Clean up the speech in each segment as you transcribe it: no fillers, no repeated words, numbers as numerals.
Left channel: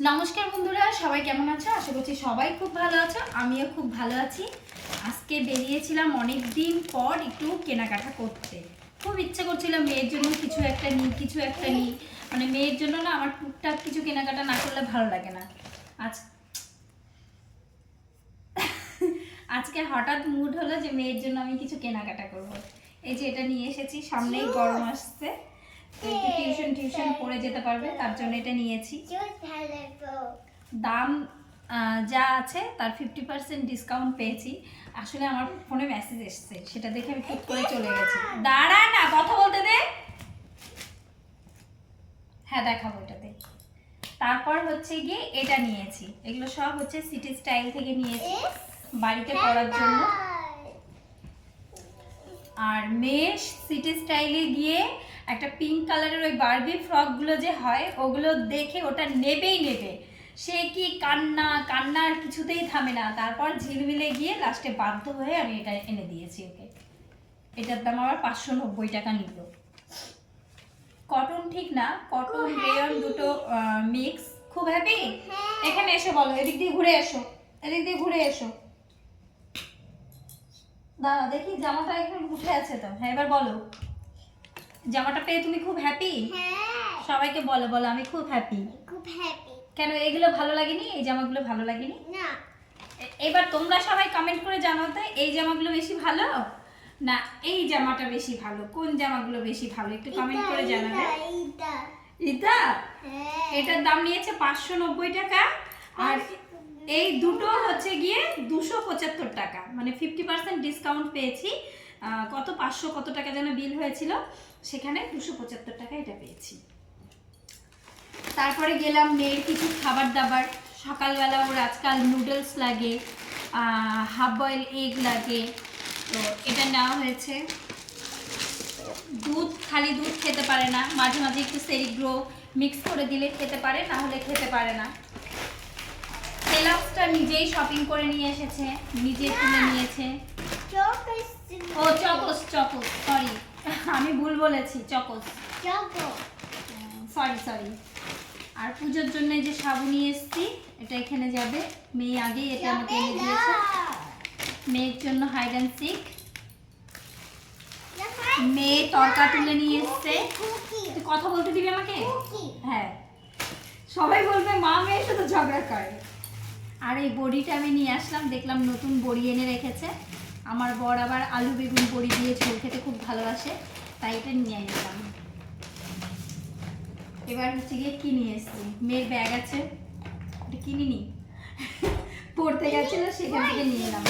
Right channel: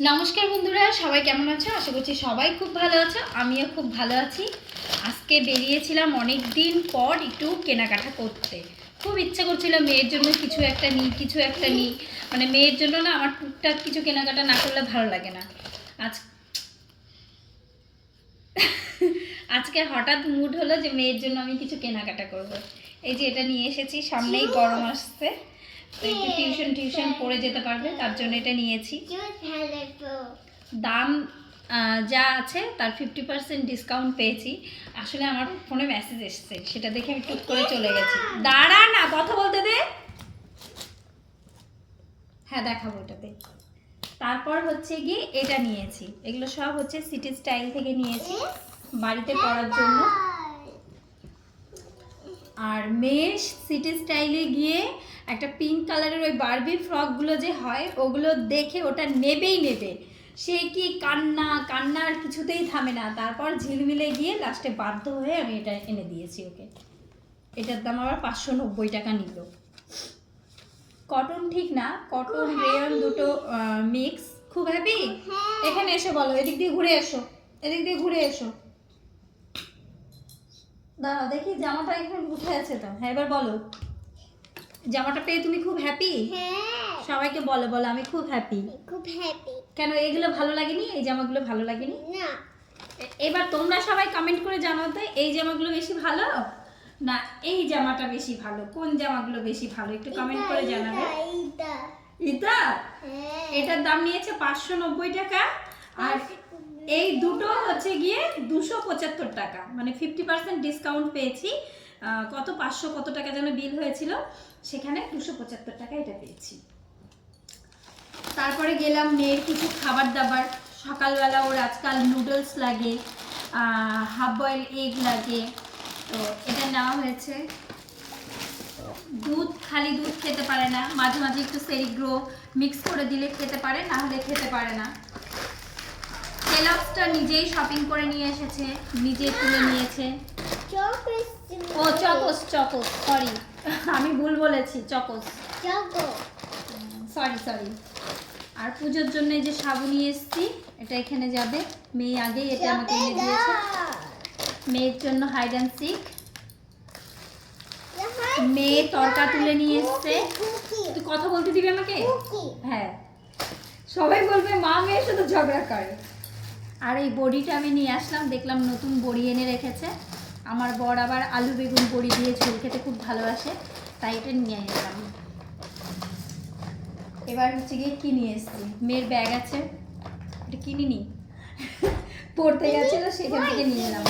নমস্কার বন্ধুরা, সবাই কেমন আছো? আশা করছি সবাই খুব ভালো আছো। আমিও খুব ভালো আছি। আজকে বেরিয়েছিলাম অনেক দিন পর একটু কেনাকাটা করতে। খুব ইচ্ছে করছিল মেয়ের জন্য কিছু একটা নিই। মানে মেয়ের জন্য না, আমার টুকটাক কিছু কেনাকাটা না করলে ভালো লাগে না। আজ আজকে হঠাৎ মুড হলো যে মেয়ের জন্য আমি কিছু কেনাকাটা করব। এই যে এটা নিয়ে এসেছি, সামনেই গরম আসছে, তো একটু টিউশন পড়ে যেতে পারবে, তার জন্য এটা নিয়েছি। দাম যা আছে তার 50% ডিসকাউন্ট পেয়েছি। আসলে আমার ফোনে মেসেজ এসছে, সেটা দেখে আমি টুক করে চলে গেছি। দাঁড়া না, কথা বলতে দে। হ্যাঁ, দেখাবো এটাতে। তারপর হচ্ছে গিয়ে এটা নিয়েছি। এগুলো সব হচ্ছে সিটি স্টাইল থেকে নিয়েছি বাড়িতে পরার জন্য। আর মেয়ের সিটি স্টাইলে গিয়ে একটা পিঙ্ক কালারের ওই বারবি ফ্রকগুলো যে হয়, ওগুলো দেখে ওটা নেবেই নেবে। সে কি কান্না আর কিছুতেই থামে না। তারপর ঝিলমিলে গিয়ে লাস্টে বাধ্য হয়ে আমি এটা এনে দিয়েছি ওকে। এটার দাম আবার 590 টাকা নিল। কটন ঠিক না, কটন রেয়ন দুটো মিক্স। খুব হ্যাপি। এখানে এসো, বলো, এদিক দিয়ে ঘুরে এসো। দাঁড়া দেখি, জামাটা এখানে উঠে আছে তো। হ্যাঁ, এবার বলো, জামাটা পেয়ে তুমি খুব হ্যাপি? সবাইকে বলো আমি খুব হ্যাপি। কেন এগুলো ভালো লাগেনি? এই জামাগুলো ভালো লাগেনি? না। এবার তোমরা সবাই কমেন্ট করে জানাতে, এই জামাগুলো বেশি ভালো না এই জামাটা বেশি ভালো? কোন জামাগুলো বেশি ভালো একটু কমেন্ট করে জানাবে। এটা এটার দাম নিয়েছে 590 টাকা। আর এই দুটো হচ্ছে গিয়ে 275 টাকা, মানে 50% ডিসকাউন্ট পেয়েছি। কত 500 কত টাকা যেন বিল হয়েছিল, সেখানে 275 টাকা এটা পেয়েছি। তারপরে গেলাম মেয়ের কিছু খাবার দাবার। সকালবেলা ওর আজকাল নুডলস লাগে, হাফ বয়েল এগ লাগে, তো এটা নেওয়া হয়েছে। খালি দুধ খেতে পারে না, মাঝে মাঝে একটু সেরিগ্রো মিক্স করে দিলে খেতে পারে, না হলে খেতে পারে না। কেলগসটা নিজেই শপিং করে নিয়ে এসেছে, নিজে তুলে নিয়েছে। ও চকোস, সরি আমি ভুল বলেছি, চকোস, সরি। আর পুজোর জন্য যে সাবু নিয়ে এসেছি, এটা এখানে যাবে। মেয়ে আগেই এটা আমাকে এনে দিয়েছে। মেয়ের জন্য হাইড অ্যান্ড সিক। মেয়ে তরকা তুলে নিয়ে এসছে। তুই কথা বলতে দিবি আমাকে? হ্যাঁ, সবাই বলবে মা মেয়ে শুধু ঝগড়া করে। আর এই বড়িটা আমি নিয়ে আসলাম, দেখলাম নতুন বড়ি এনে রেখেছে। আমার বর আবার আলু বেগুন বড়ি দিয়ে ঝোল খেতে খুব ভালোবাসে, তাই এটা নিয়ে এলাম। এবার হচ্ছে গিয়ে কি নিয়ে এসছি, মেয়ের ব্যাগ আছে, এটা কিনিনি, পড়তে গেছিল সেখান থেকে নিয়ে এলাম।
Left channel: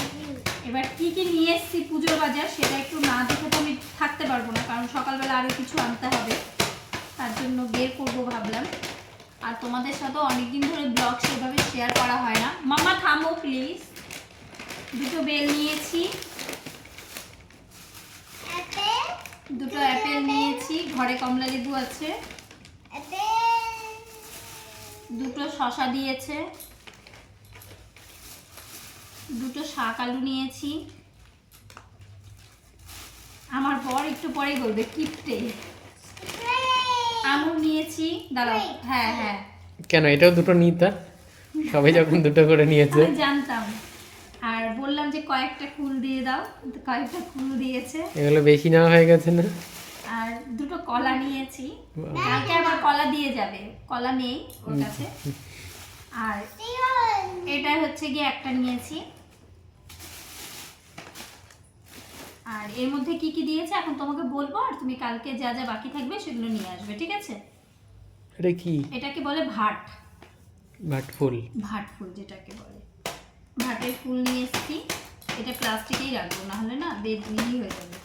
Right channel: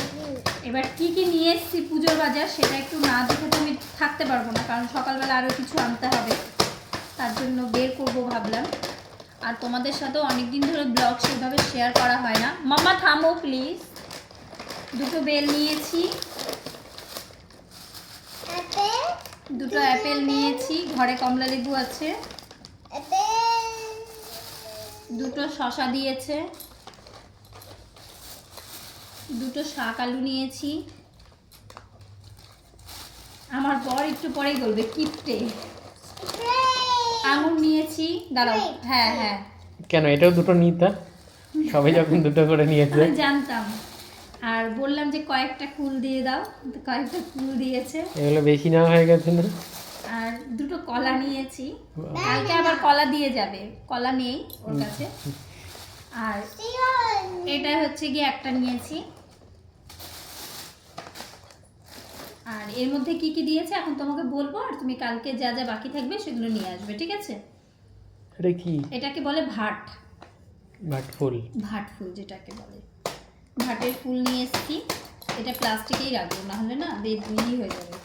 এবার কি নিয়ে এসছি পুজোর বাজার, সেটা একটু না দেখে তো আমি থাকতে পারবো না, কারণ সকালবেলা আরও কিছু আনতে হবে, তার জন্য বের করবো ভাবলাম। আর তোমাদের সাথেও অনেকদিন ধরে ব্লগ সেভাবে শেয়ার করা হয় না। মাম্মা থামো প্লিজ। দুটো বেল নিয়েছি, দুটো অ্যাপেল নিয়েছি, ঘরে কমলা লেবু আছে, দুটো শসা দিয়েছে, দুটো শাক আলু নিয়েছি। আমার বর একটু পরেই বলবে কিপটে। আঙুর নিয়েছি, দাঁড়াও। হ্যাঁ কেন এটাও দুটো নিতা? সবাই যখন দুটো করে নিয়েছে জানতাম। আর বললাম যে কয়েকটা ফুল দিয়ে দাও, কয়েকটা ফুল দিয়েছে। এগুলো বেশি নেওয়া হয়ে গেছে না? আর দুটো কলা নিয়েছি, কালকে আবার কলা দিয়ে যাবে, কলা নেই ওর কাছে। আর এটা হচ্ছে গিয়ে একটা নিয়েছি। আর এর মধ্যে কি কি দিয়েছে এখন তোমাকে বলবো, আর তুমি কালকে যা যা বাকি থাকবে সেগুলো নিয়ে আসবে, ঠিক আছে? এটা কি? এটাকে বলে ভাট ফুল যেটাকে বলে। ভাটের ফুল নিয়ে এসেছি। এটা প্লাস্টিকেই রাখবো, না হলে না বেদবিলি হয়ে যাবে।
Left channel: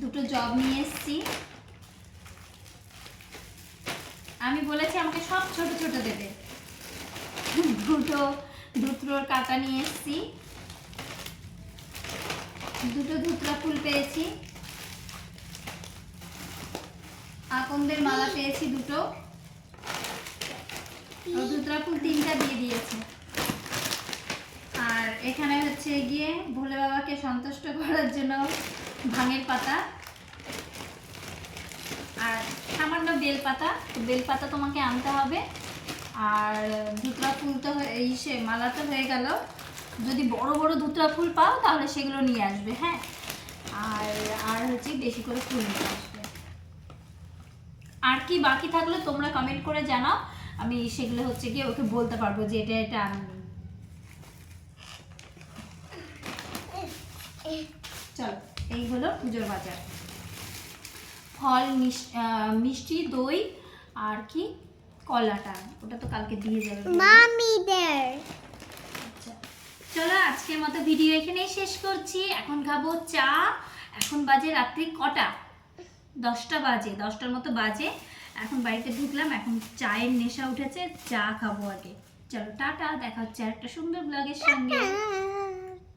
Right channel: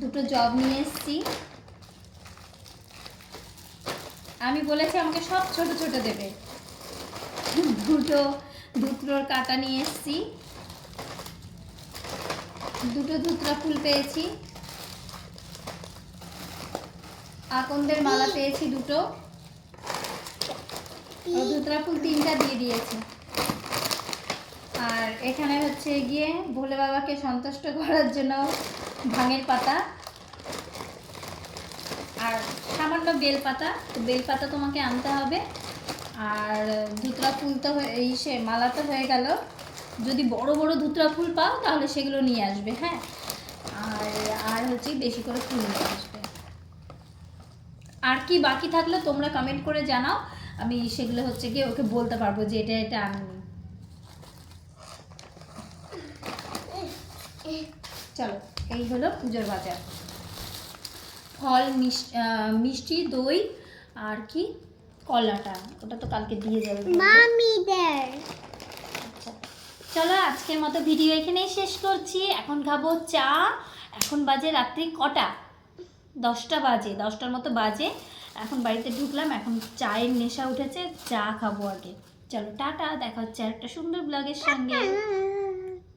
দুটো জব নিয়ে এসেছি। আমি বলেছি আমাকে সব ছোট ছোট দেবে। দুটো ধুত্রোর কাঁটা নিয়ে এসেছি, দুটো ধুত্রা ফুল পেয়েছি, আকন্দের মালা পেয়েছি দুটো, ধুত্রা ফুল 3টা দিয়ে দিয়েছি। আর এখানে হচ্ছে গিয়ে ভোলে বাবাকে সন্তুষ্ট করার জন্য ভাঙের পাতা, আর সামান্য হলো বেলপাতা, তো বেলপাতা তোমাকে আনতে হবে। আর ধুতরা ফুল তো এই সে মালা তো হয়ে গেল। যদি বড় বড় ধুতরা ফুল পাও তাহলে সেগুলো নিয়ে আসবে, হ্যাঁ। আর হচ্ছে বেশি করে ফুল নিয়ে আসবে। আর কি বাকি থাকলে তোমরা কমেন্ট করে জানাও, আমি সেগুলো হচ্ছে গিয়ে ওকে বলতে পারবো যে এটা এটা আননি। চলো, এই হলো পুজোর বাজার। ফল, মিষ্টি, দই আর কি কলাটা, ওটা তো কালকে দিয়ে যাবে মামিদের। আচ্ছা চলো, আজকের মতো ভিডিও এখানেই শেষ করছি। এখন খাবো চা। এখন বাজে রাত্রি কটা? 10টা বাজে, 10টার মতো বাজে। এখন বাড়িতে ঢুকলাম, এখন চায়ের নেশা উঠেছে, চা খাবো আগে। চলো টাটা, দেখা হচ্ছে একটা সুন্দর ব্লগের সঙ্গে।